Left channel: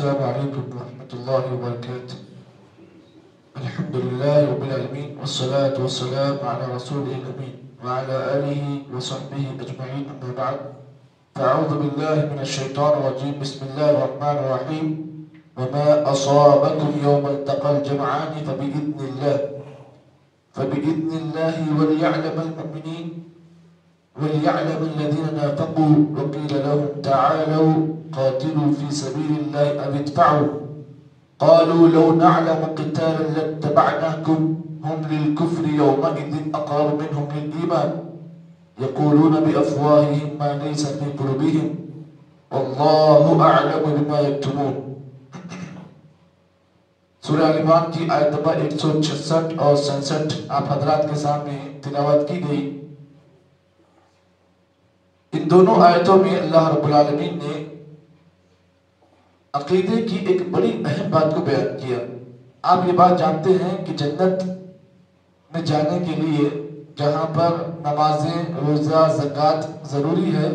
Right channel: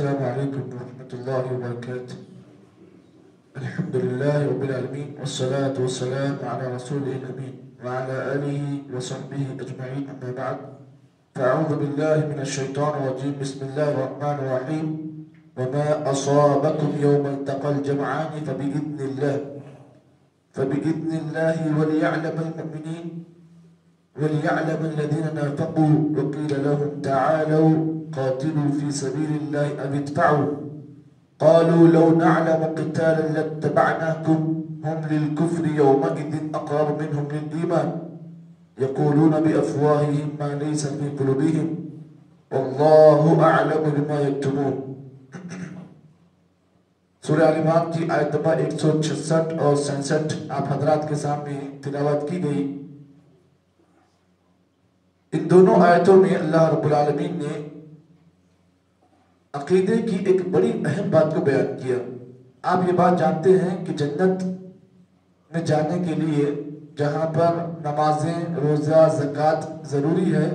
السلام عليكم ورحمة الله وبركاته. الحمد لله رب العالمين والصلاة والسلام على رسوله الأمين وعلى آله وصحبه أجمعين، أما بعد، فأعوذ بالله من الشيطان الرجيم. بسم الله الرحمن الرحيم. وما أصابكم يوم التقى الجمعان فبإذن الله وليعلم المؤمنين وليعلم الذين نافقوا وقيل لهم تعالوا قاتلوا في سبيل الله أو ادفعوا قالوا لو نعلم قتالا لاتبعناكم هم للكفر يومئذ أقرب منهم للإيمان يقولون بأفواههم ما ليس في قلوبهم والله أعلم بما يكتمون. سورہ آل عمران کی آیت نمبر 166 اور 67 آپ حضرات کے سامنے تلاوت کی گئی. ان دونوں آیتوں میں اللہ رب العالمین نے عقیدے کی ایک بڑی اہم بات کو بیان کیا. آپ یہ بات جانتے ہیں کہ جنت میں جانے کے لیے جہاں پر نمازیں، روزہ، زکوٰۃ ضروری ہے،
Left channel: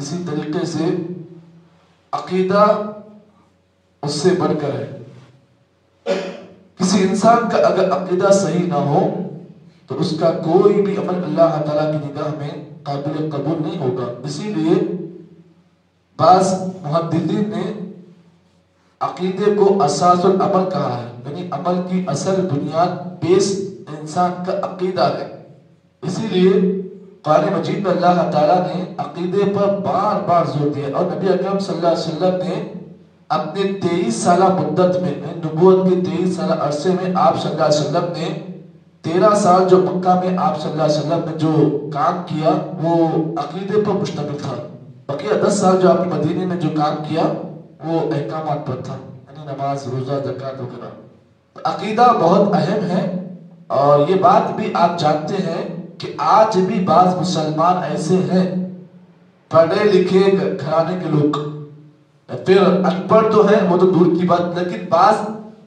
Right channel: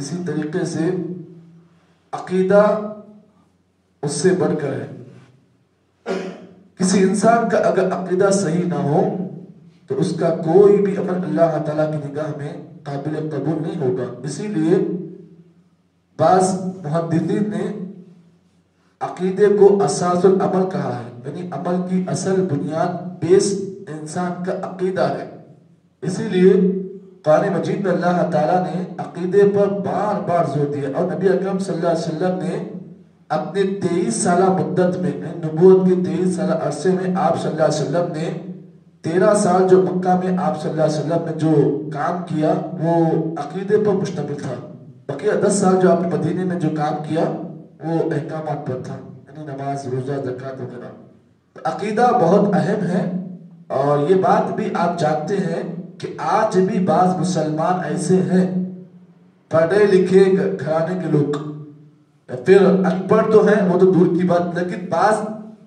اسی طریقے سے عقیدہ اس سے بڑھ کر ہے. کسی انسان کا اگر عقیدہ صحیح نہ ہو تو اس کا کوئی بھی عمل اللہ تعالیٰ کی نگاہ میں قابل قبول نہیں ہوگا. اسی لیے بعض محدثین نے عقیدے کو اساس العمل کہا ہے، یعنی عمل کی اصل بنیاد بیس انسان کا عقیدہ ہے. اسی لیے قرآن مجید میں اللہ تعالیٰ نے عقیدے پر بار بار زور دیا، اور نبی اکرم صلی اللہ علیہ وسلم نے اپنے 23 سالہ مدت میں، نبوت کے 23 سالہ عرصے میں آپ صلی اللہ علیہ وسلم نے 13 سال جو مکہ میں آپ صلی اللہ علیہ وسلم نے جو کام کیا وہ عقیدے پر مشتمل تھا. بقیہ 10 سال جو آپ نے مدینے میں جو کام کیا وہ احکامات پر تھا، یعنی نماز، روزہ، زکوٰۃ وغیرہ. عقیدہ بہت اہم ہے، اور یہ بات بھی آپ جانتے ہیں کہ آج بھی بعض مسلمان ایسے ہیں پڑھے لکھے گھرانے کے لوگ، پھر ان پڑھ تو ہیں وہ تو دور کی بات، لیکن بعض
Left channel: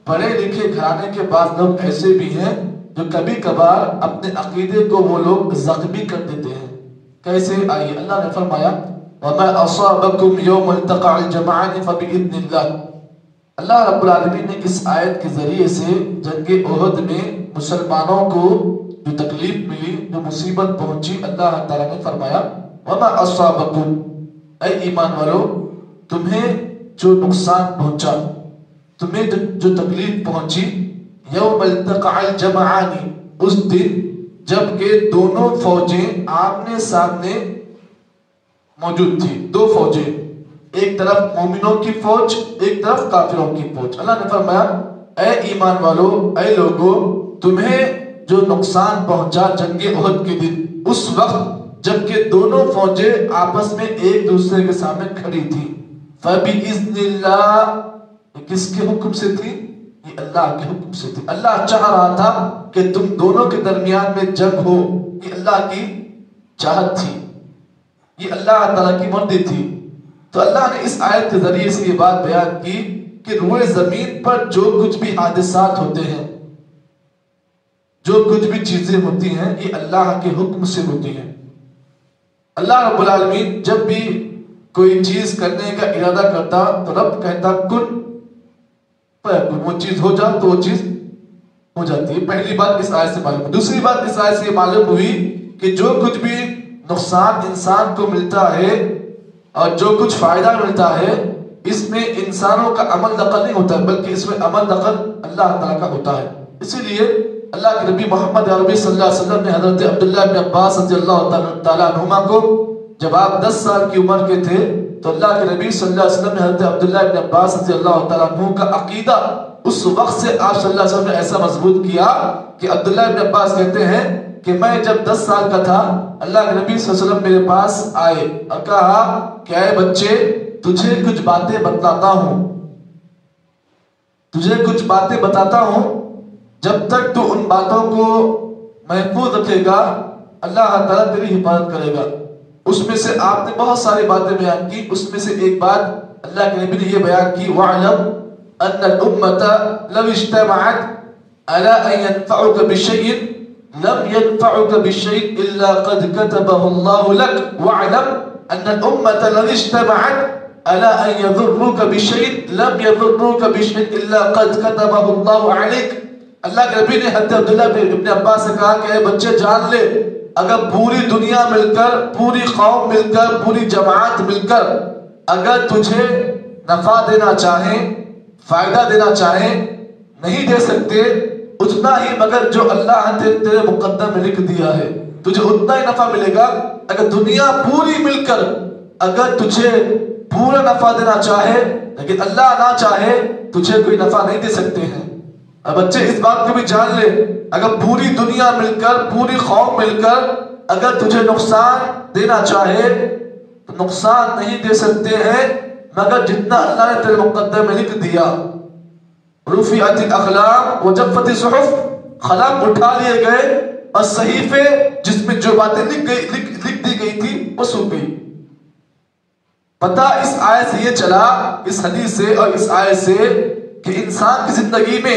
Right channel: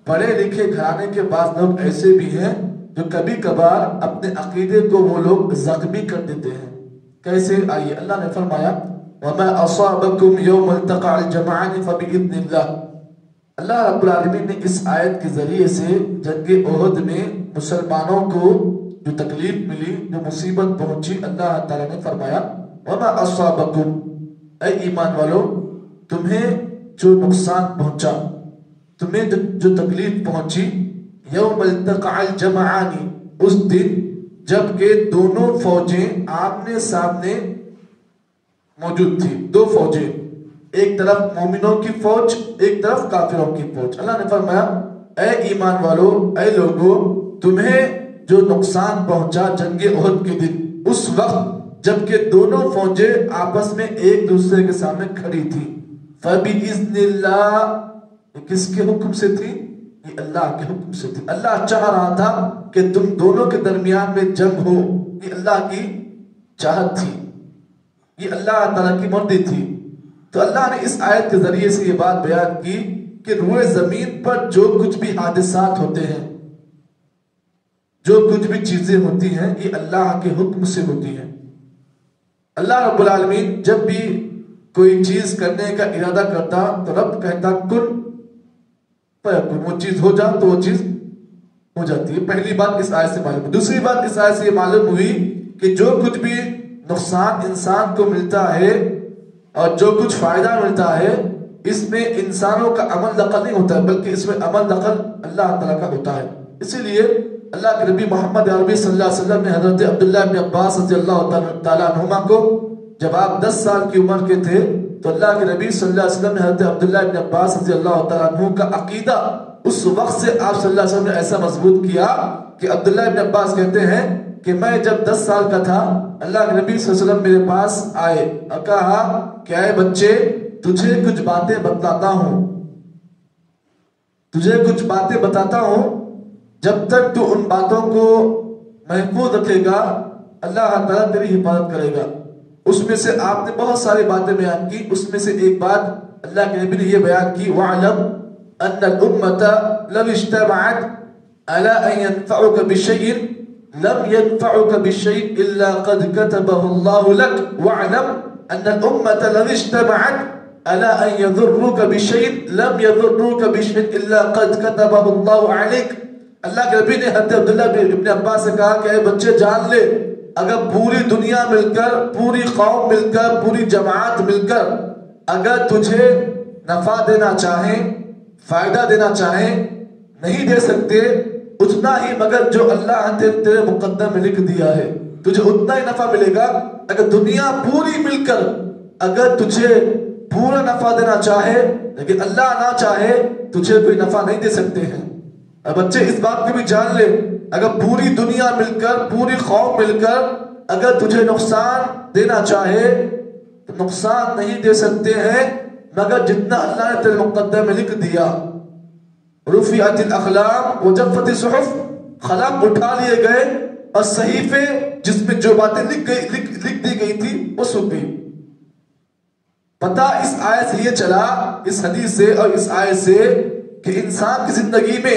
پڑھے لکھے گھرانے کے بعض لوگ ایسے بھی ہیں جو کبھی کبھار اپنے عقیدے کو وہ لوگ زخمی کر دیتے ہیں. کیسے؟ آئیے، اللہ نے فرمایا وَمَا أَصَابَكُمْ يَوْمَ الْتَقَى الْجَمْعَانِ فَبِإِذْنِ اللَّهِ. اللہ رب العالمین نے اس آیت کے ذریعے سے جنگ احد میں مسلمانوں کو جو تکلیف ملی، جو مصیبت پہنچی، اللہ تعالیٰ نے فرمایا وَمَا أَصَابَكُمْ، اے ایمان والو، تمہیں جو نقصان پہنچا، تمہیں جو تکلیف پہنچی، یوم التقى الجمعان، اس دن جب کہ دونوں فوجیں آمنے سامنے موجود تھی. دو فوجیں، ایک طرف مومنوں کی فوج، ایک طرف کافروں کی فوج. اللہ نے فرمایا اے ایمان والو، اے لوگو، تمہیں جو نقصان پہنچا جنگ احد کے دن، اس وقت جب کہ دونوں فوجیں آپس میں ایک دوسرے کے سامنے کھڑی تھی. فَبِإِذْنِ اللَّهِ، یہ کس کے حکم سے تھی؟ یہ اللہ کے حکم سے تھی. اللہ چاہ رہا تھا کہ تم دونوں کے درمیان میں جنگ ہو، یہ اللہ کی چاہت تھی، یہ اللہ تعالیٰ کی مرضی تھی. تو اللہ نے اس آیت کے ذریعے سے یہ بات بیان کی کہ روئے زمین پر جو کچھ بھی حادثات ہوتے ہیں، جو کچھ بھی چیزیں ہوتی ہیں، یہ اللہ کے حکم سے ہوتی ہیں. اللہ رب العالمین جب بھی کوئی چیز کرنے کا ارادہ کرتا تو رب کہتا کن فیکون، وہ چیز ہو جا تو وہ چیز ہو جاتی ہے. پہلی بات اس آیت سے معلوم ہے. دوسری بات اس آیت سے یہ معلوم ہوئی کہ جو کچھ بھی نقصان انسان کو ملتا ہے اور جو کچھ فائدہ ملتا ہے، اس میں انسانوں کا عمل دخل نہیں ہوتا ہے، بلکہ اس میں عمل دخل اللہ تعالیٰ کا ہوتا ہے. اسی لیے اللہ کے نبی محمد عربی صلی اللہ علیہ وسلم نے حضرت عبداللہ بن عباس رضی اللہ تعالیٰ عنہما کو، جب آپ 10 سال کی عمر کے تھے تو اللہ کے نبی صلی اللہ علیہ وسلم نے حضرت عبداللہ بن عباس رضی اللہ تعالیٰ عنہ کا عقیدہ اس وقت سے آپ صلی اللہ علیہ وسلم نے ایسا مضبوط کیا کہ عبداللہ بن عباس کہتے ہیں کہ میں جب 10 سال کا تھا، اللہ کے نبی صلی اللہ علیہ وسلم میرے پاس آئے اور کہا کہ اے بچے، تجھے کچھ باتیں بتلاتا ہوں، تجھے کچھ باتیں بتاتا ہوں، جب تک تو ان باتوں کو محفوظ رکھے گا اللہ تعالیٰ تیری حفاظت کرے گا. اس میں سے آپ نے بہت ساری باتیں بیان کی، اس میں سے ایک بات اللہ کے نبی نے یہ بیان کی وَعْلَمْ أَنَّ الْأُمَّةَ لَوْ اجْتَمَعَتْ عَلَىٰ أَن يَنْفَعُكَ بِشَيْءٍ لَمْ يَنْفَعُكَ بِشَيْءٍ إِلَّا قَدْ كَتَبَهُ اللَّهُ لَكَ وَعْلَمْ أَنَّ الْأُمَّةَ لَوْ اجْتَمَعَتْ الا ان يضروك بشيء لم يضروك بشيء الا قد كتبه الله عليك. اللہ کے نبی نے حضرت عبداللہ ابن عباس سے کہا کہ اے بچے جان لے، اگر پوری دنیا مل کر، پوری قوم مل کر، پوری جماعت مل کر اگر تجھے نفع دینا چاہیں، فائدہ دینا چاہیں، نہیں دے سکتے اتنا ہی مگر جو اللہ نے تیرے مقدر میں لکھ دیا ہے، تجھے اتنا ہی نفع ملے گا. اگر دنیا پوری مل کر اگر تجھے پورا نفع دینا چاہے لیکن اللہ نہ چاہے تجھے کوئی نفع نہیں دے سکتے ہیں. اب بچے اس بات کو بھی جان لے، اگر پوری دنیا مل کر، پوری قوم مل کر اگر تجھے نقصان دینا چاہے تو نقصان نہیں دے سکتے ہیں مگر جتنا اللہ نے تیرے مقدر میں لکھ دیا. رفعت الاقلام وجفت الصحف، قلم اٹھا لیے گئے اور صحیفے جس میں جو باتیں لکھ دی گئی تھی وہ سوکھ گئی. پتہ اس آیت سے یہ چلا، اس حدیث سے اور اس آیت سے، کہ انسان کی زندگی میں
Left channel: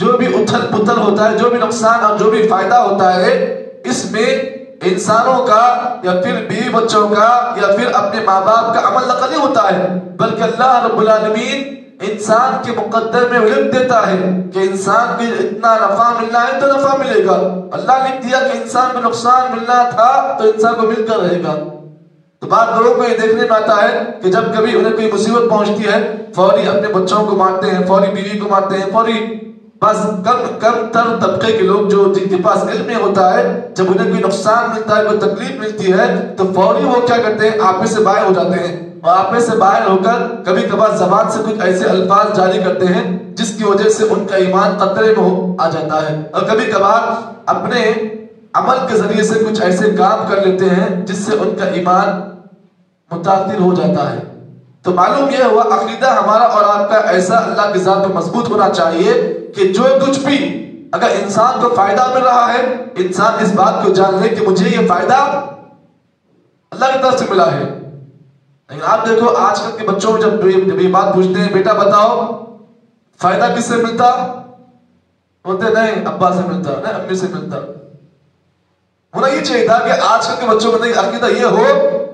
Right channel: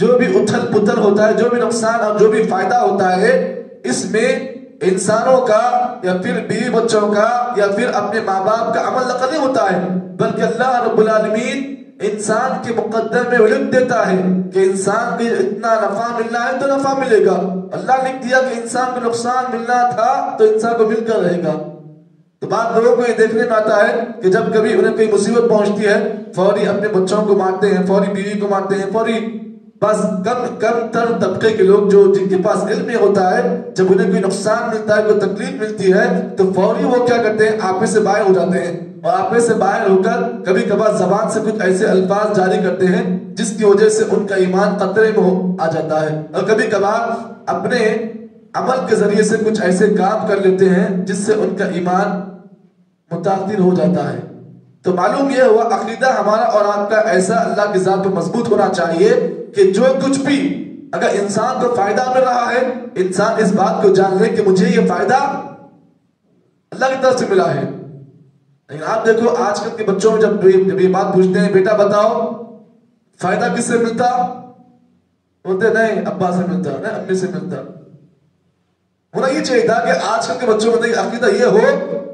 جو بھی اتھل پتھل ہوتا ہے، جو بھی نقصان اور جو بھی فائدہ ہوتا ہے، اس میں انسانوں کا یا پھر بیوی بچوں کا یا پھر اپنے ماں باپ کا عمل نقل نہیں ہوتا ہے، بلکہ اللہ رب العالمین انسان کے مقدر میں لکھ دیتا ہے کہ انسان کو اتنا نفع ملنا ہے تو نفع ملے گا. اللہ لکھ دیا کہ انسان کو نقصان ملنا تھا تو انسان کو مل کر رہے گا. تو بعض لوگوں کو یہ دیکھنے میں آتا ہے کہ جب کبھی انہیں کوئی مصیبت پہنچتی ہے فوری اپنے بچوں کو مارتے ہیں، فوری بیوی کو مارتے ہیں، فوری بس کم تر طبقے کے لوگ جو جن کے پاس علم ہوتا ہے، جب انہیں کوئی نقصان ملتا ہے، کوئی تکلیف ملتی ہے تو فوری وہ کیا کرتے ہیں، آپے سے باہر ہو جاتے ہیں اور آپے سے باہر ہو کر کبھی کبھار زبان سے کچھ ایسے الفاظ جاری کرتے ہیں جس کی وجہ سے ان کا ایمان خطرے میں آ جاتا ہے، اور کبھی کبھار اپنے عمل کے ذریعے سے کچھ ایسے کام کر لیتے ہیں جس سے ان کا ایمان متاثر ہو جاتا ہے. تو معلوم یہ ہوا عقیدہ ہمارا اور آپ کا ایسا اللہ کی ذات پہ مضبوط ہونا چاہیے کہ جو کچھ بھی اگر انسان کو فائدہ مل رہا ہے، انسان اس بات کو جان لے کہ مجھے یہ فائدہ اللہ کی طرف سے ملا ہے. لیکن آپ دیکھو آج کل کے بچوں کو جب یہ بات پوچھتے ہیں بیٹا بتاؤ فائدہ کس سے ملتا، بولتے نہیں ابا سے ملتا، نہیں امی سے ملتا. ہونا یہ چاہیے تھا کہ آج کل کے بچوں کو عقیدہ یہ ہو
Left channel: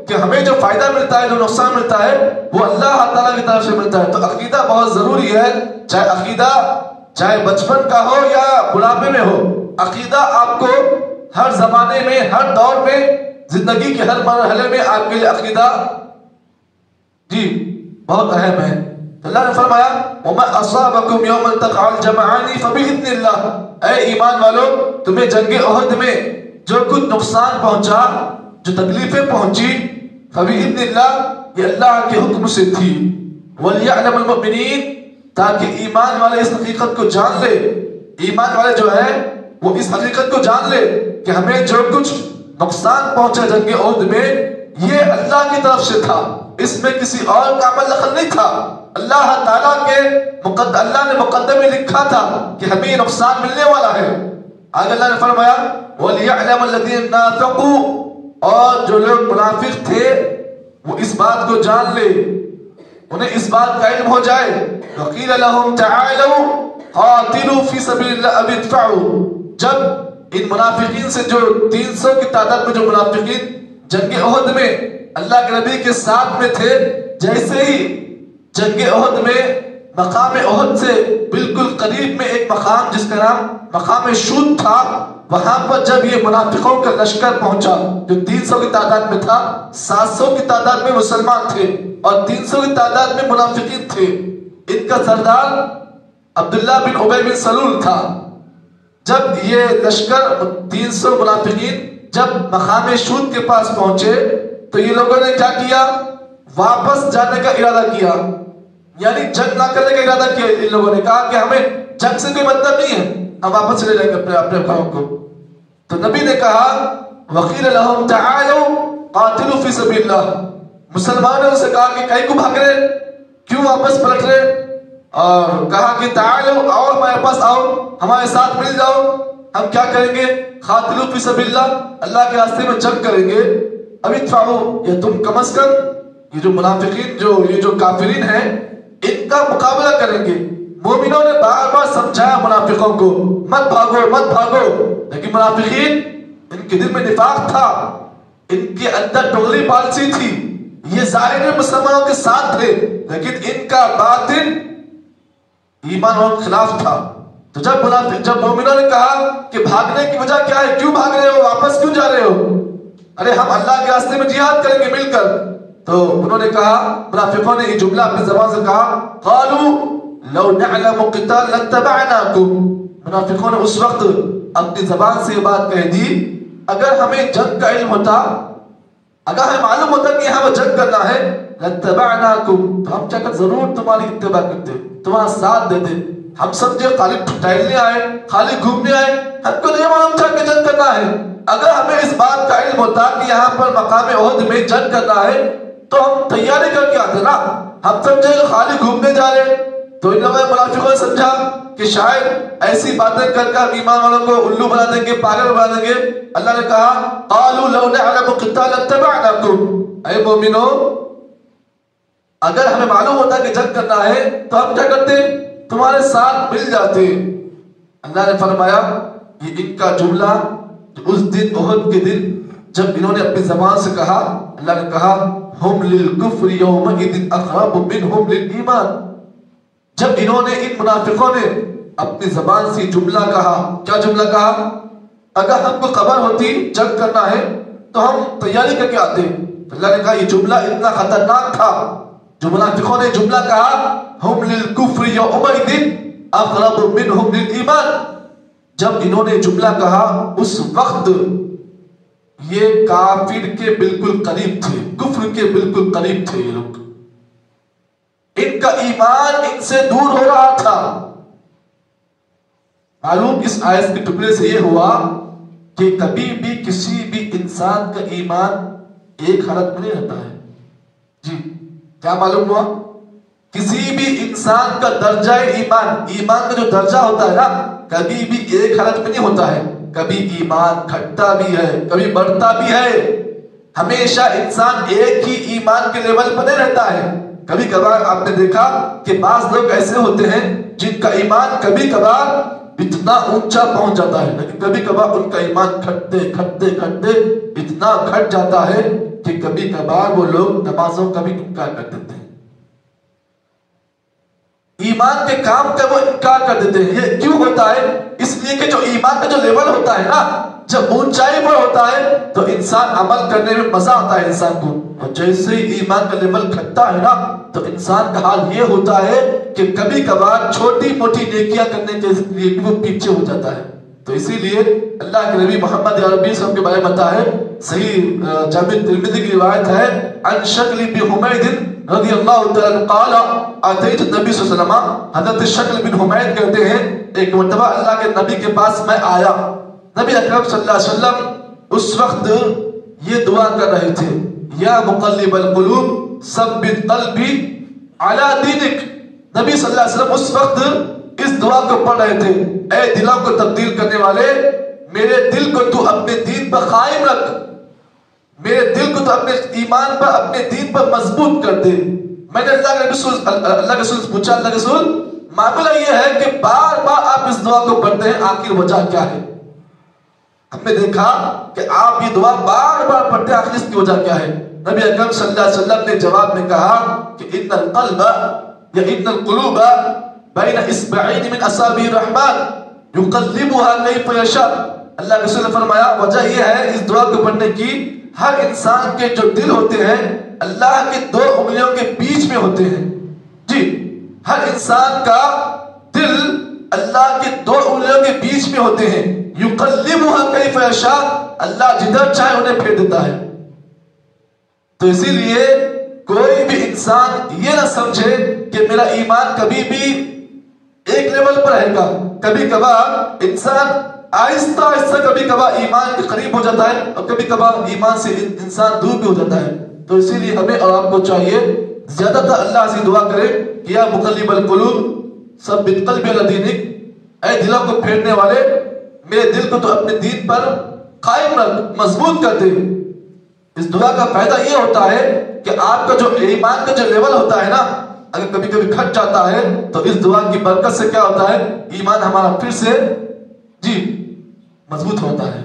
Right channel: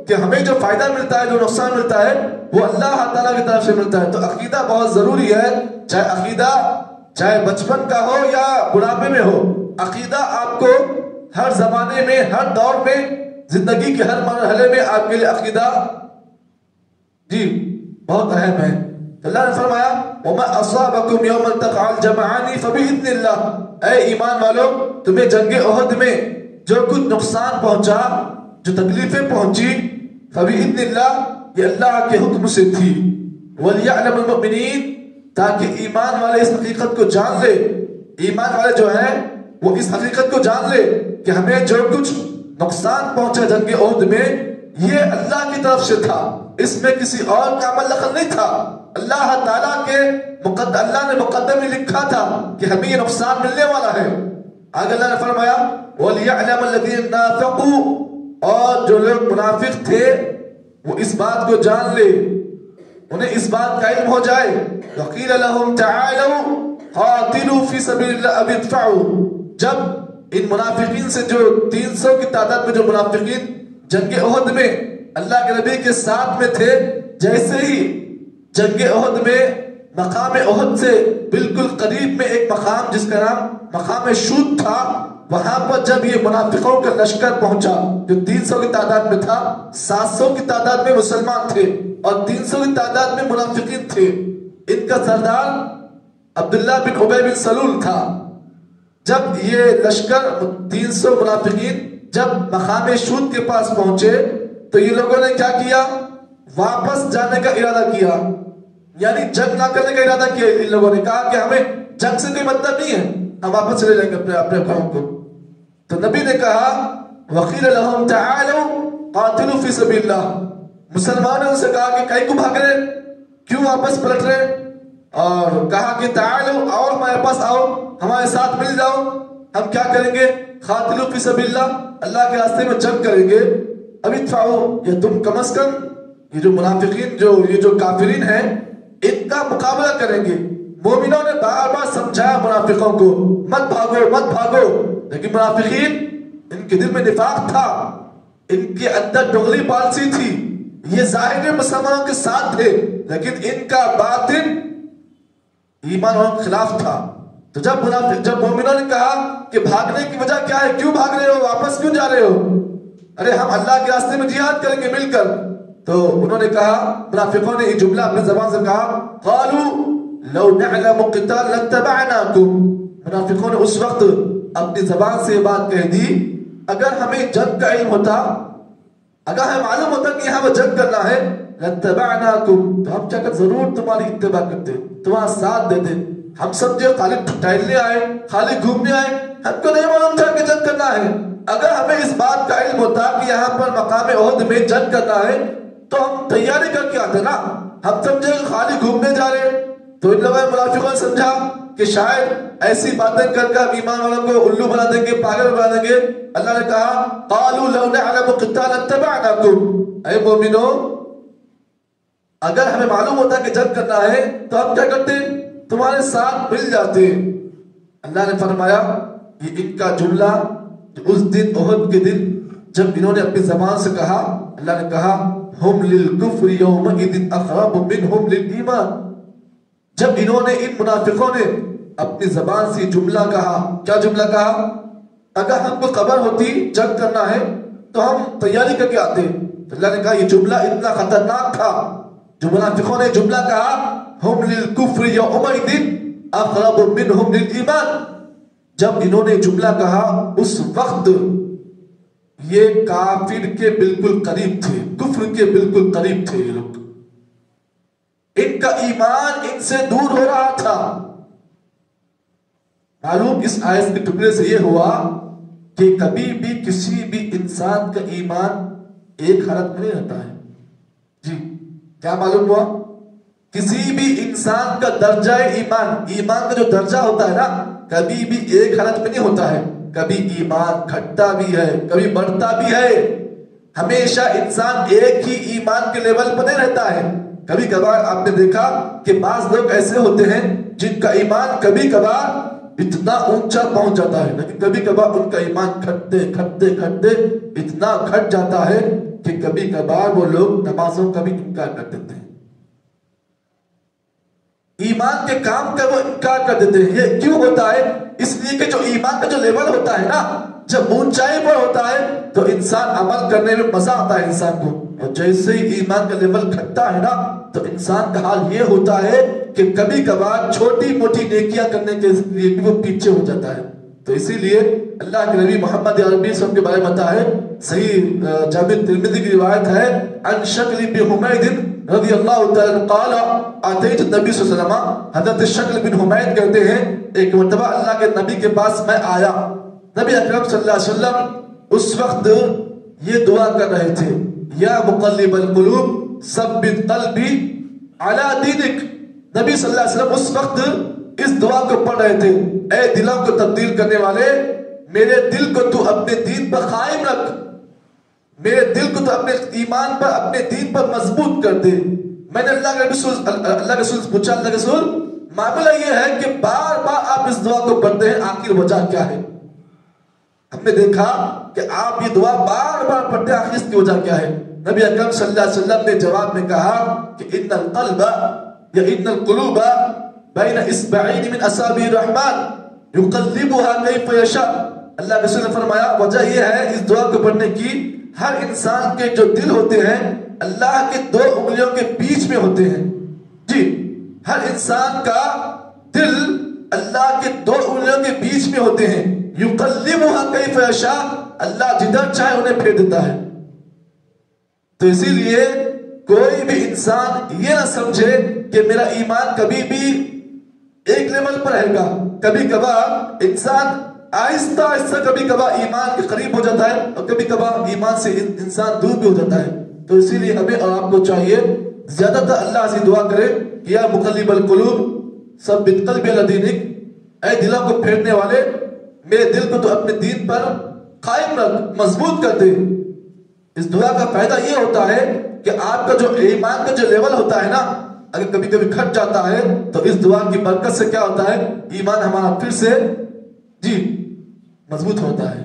کہ ہمیں جو فائدہ ملتا ہے، جو نقصان ملتا ہے وہ اللہ تعالیٰ کی طرف سے ملتا ہے. تو عقیدہ بہت ضروری ہے، چاہے عقیدہ چاہے بچپن کا ہو یا بڑھاپے میں ہو. عقیدہ آپ کو ہر زمانے میں، ہر دور میں، زندگی کے ہر مرحلے میں آپ کے لیے عقیدہ جی بہت اہم ہے. اللہ نے فرمایا وَمَا أَصَابَكُمْ يَوْمَ الْتَقَى الْجَمْعَانِ فَبِإِذْنِ اللَّهِ، اے ایمان والو تمہیں جنگ احد میں جو کچھ نقصان پہنچا، جو تکلیفیں پہنچی، فَبِإِذْنِ اللَّهِ یہ اللہ کے حکم سے تھی. وَلْيَعْلَمَ الْمُؤْمِنِينَ تاکہ ایمان والے اس حقیقت کو جان لے، ایمان والے جو ہے وہ اس حقیقت کو جان لے کہ ہمیں جو کچھ نقصان پہنچا جنگ احد میں یہ اللہ کی طرف سے تھا، اس میں کسی اور کا عمل دخل نہیں تھا. اللہ تعالیٰ کے اللہ نے مقدر میں لکھا تھا کہ ہمیں یہ نقصان ملنے والا ہے. آگے اللہ نے فرمایا وَلْيَعْلَمَ الَّذِينَ نَافَقُوا اور جو لوگ منافق تھے وہ اس بات کو جان لے، انہیں اس بات کا علم ہو جائے. وَقِيلَ لَهُمْ تَعَالَوْا قَاتِلُوا فِي سَبِيلِ اللَّهِ أَوِ ادْفَعُوا، جب ان منافقین سے جو 300 کی تعداد میں جو منافقین جنگ احد میں اللہ کے نبی کے ساتھ میں تھے، جیسے ہی جنگ احد میں مقام احد سے بالکل قریب میں ایک مقام جس کا نام مقام شود تھا، وہاں پر جب یہ منافقوں کا لشکر پہنچا جو 300 کی تعداد میں تھا، 700 کی تعداد میں مسلمان تھے اور 300 کی تعداد میں منافقین تھے. ان کا سردار عبداللہ بن ابی بن سلول تھا. جب یہ لشکر 300 منافقین جب مقام شود کے پاس پہنچے تو یہ لوگوں نے کیا کیا، واپس جانے کا ارادہ کیا، یعنی جنگ نہ کرنے کا ارادہ کیا. ان لوگوں نے کہا کہ ہمیں جنگ سے کوئی مطلب نہیں ہے، ہم واپس چلے جائیں گے اپنے قوم کو. تو نبی نے کہا وَقِيلَ لَهُمْ تَعَالَوْا قَاتِلُوا فِي سَبِيلِ اللَّهِ، مسلمانوں نے ان سے کہا کہ کہیں کو بھاگ رہے، کیوں واپس پلٹ رہے، اور کہا کہ تعالوا آؤ ہمارے پاس آؤ، ہمارے ساتھ مل جاؤ، ہم کیا کریں گے، قاتلوا فی سبیل اللہ، اللہ کے راستے میں جنگ کریں گے. ابھی ادفعوا، یا تم کم از کم یہ جو منافقین یہ جو کافرین ہیں ان کا مقابلہ کریں گے. مومنوں نے بار بار سمجھایا منافقوں کو مت بھاگو مت بھاگو، لیکن منافقین ان کے دل میں نفاق تھا، ان کے اندر ڈوغلی پالسی تھی، یہ ظاہر مسلمانوں کے ساتھ تھے لیکن ان کا باطن ایمان والوں کے خلاف تھا. تو جب مومنوں نے کہا کہ بھاگنے کی وجہ کیا ہے، کیوں بھاگ رہے ہو، واپس کیوں جا رہے ہو، ارے ہم اللہ کے راستے میں جہاد کریں گے مل کر. تو انہوں نے کہا، منافقوں نے یہ جملہ اپنی زبان سے کہا، قالوا لو نعلم قتال لاتبعناكم. منافقوں نے اس وقت اپنی زبان سے یہ بات کہہ دی، اگر ہمیں جنگ کا علم ہوتا، اگر ہمیں معلوم ہوتا کہ ہمیں جنگ کرنا ہے، لاتبعناكم، تو ہم چاہے ضرور تمہاری اتباع کرتے، تمہارا ساتھ دیتے. ہم سمجھے خالی ٹہلنے آئے، خالی گھومنے آئے، ہم کو نہیں معلوم تھا کہ جنگ کرنا ہے. اگر ہمیں اس بات کا علم ہوتا کہ یہاں پر مقام احد میں جنگ کرنا ہے تو ہم تیاری کر کے آتے نا. ہم سمجھے کہ خالی گھومنے جا رہے. تو ان لوگوں نے منافقوں نے سمجھا کہ شاید ایسی باتیں کر کر ایمان والوں کو الو بنا دیں گے، پاگل بنا دیں گے. اللہ نے کہا قالوا لو نعلم قتال لاتبعناكم، اے مومنو اگر ہمیں معلوم ہوتا کہ جنگ کرنا ہے تو ہم کیا کرتے، تمہارے ساتھ مل جاتے. اللہ نے فرمایا یہ ان کا جملہ اس دن احد کے دن جب انہوں نے اپنی زبان سے کہا، اللہ نے کہا ہم للکفر یومئذ اقرب منہم للایمان. جب انہوں نے، ان منافقوں نے اپنی زبان سے جملہ کہا، کیا جملہ کہا، اگر ہم کو خبر ہوتی جنگ کرنا ہے تو ہم تیاری کر کے آتے. اللہ نے کہا یہ جملہ اتنا خطرناک تھا. جو منافقوں نے جملہ کہا ہم للکفر یومئذ اقرب منہم للایمان، جب انہوں نے جملہ کہا اس وقت یہ کافر کے بالکل قریب تھے، کفر کے بالکل قریب تھے. یہ لوگ، ان کا ایمان ان سے دور ہو رہا تھا. معلوم اس آیت کے ٹکڑے سے یہ ہوا کہ کبھی بھی کسی بھی انسان کا ایمان ایک حالت میں نہیں رہتا ہے. جی کیا معلوم ہوا؟ کسی بھی انسان کا درجہ ایمان، ایمان کا جو درجہ ہوتا ہے نا، کبھی بھی ایک حالت میں نہیں ہوتا ہے. کبھی ایمان گھٹتا بھی ہے، کبھی بڑھتا بھی ہے. ہمیشہ انسان ایک ہی ایمان کے لیول پر نہیں رہتا ہے. کبھی کبھار آپ نے دیکھا کہ بعض لوگ ایسے ہوتے ہیں جن کا ایمان کبھی کبھار اتنا اونچا پہنچ جاتا ہے، لیکن کبھی کبھار ان کا ایمان گھٹتے گھٹتے گھٹتے اتنا گھٹ جاتا ہے کہ کبھی کبھار وہ لوگ نمازوں کا بھی انکار کر دیتے ہیں، ایمان کے کام کا وہ انکار کر دیتے ہیں. یہ کیوں ہوتا ہے؟ اس لیے کہ جو ایمان کا جو لیول ہوتا ہے نا، جب اونچائی پر ہوتا ہے تو انسان عمل کرنے میں مزہ آتا ہے انسان کو، اور جیسے ہی ایمان کا لیول گھٹتا ہے نا تو انسان کا حال یہ ہوتا ہے کہ کبھی کبھار چھوٹی موٹی نیکیاں کرنے کے لیے بھی وہ پیچھے ہو جاتا ہے. تو اسی لیے اللہ کے نبی محمد عربی صلی اللہ علیہ وسلم کے بارے میں بتا ہے، صحیح جامع ترمذی کی روایت ہے، عن شکل بن حمید رضی اللہ تعالیٰ عنہ قال اتیت النبی صلی اللہ علیہ وسلم. حضرت شکل بن حمید کہتے ہیں ایک مرتبہ اللہ کے نبی کے پاس میں آیا. نبی اکرم صلی اللہ علیہ وسلم اس وقت یہ دعا کر رہے تھے، یا مقلب القلوب ثبت قلبی علی دینک. نبی صلی اللہ علیہ وسلم اس وقت اس دعا کو پڑھ رہے تھے، اے دلوں کو تبدیل کرنے والے، میرے دل کو تو اپنے دین پر قائم رکھ، میرے دل کو تو اپنے ایمان پر، اپنے دین پر مضبوط کر دے. میں نے اللہ کے رسول سے پوچھا، اللہ کے رسول معاملہ یہ ہے کہ بار بار آپ اس دعا کو پڑھتے ہیں، آخر وجہ کیا ہے؟ ہم نے دیکھا کہ آپ یہ دعا بار بار پڑھتے ہیں، آخر اس کی وجہ کیا ہے؟ نبی اکرم صلی اللہ علیہ وسلم نے جواب میں کہا کہ ان القلب یا ان القلوب بین اصبعین من اصابع الرحمن یقلبها کیف یشاء. اللہ کے رسول نے فرمایا وجہ یہ ہے اس دعا کو پڑھنے کی، ہر انسان کے جو دل ہوتے ہیں اللہ کے دو انگلیوں کے بیچ میں ہوتے ہیں. جی ہر انسان کا دل اللہ کے دو انگلیوں کے بیچ میں ہوتے ہیں. یقلبها کیف یشاء، اللہ جدھر چاہے انہیں پھیر دیتا ہے. تو اسی لیے کوئی بھی انسان یہ نہ سمجھے کہ میرا ایمان کبھی بھی ایک لیول پر رہے گا. کبھی کبھار انسان آہستہ آہستہ کبھی کبھار ایمان کے قریب ہو جاتا ہے اور کبھی کبھار ایمان سے انسان دور بھی ہو جاتا ہے. تو اسی لیے ہمیں اور آپ کو چاہیے زیادہ تر اللہ سے دعا کرے کہ یا مقلب القلوب ثبت قلبی علی دینک، اے دلوں کو پھیرنے والے میرے دل کو تو اپنے دین پر قائم رکھ، مضبوط کر دے. اس دعا کا فائدہ یہ ہوتا ہے کہ آپ کا جو ایمان کا جو لیول ہوتا ہے نا، اگر کبھی کبھی گھٹ جاتا ہے تو اس دعا کی برکت سے کیا ہوتا ہے، ایمان ہمارا پھر سے جی مضبوط ہوتا ہے.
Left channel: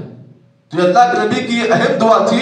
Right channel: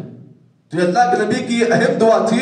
جو اللہ کے نبی کی اہم دعا تھی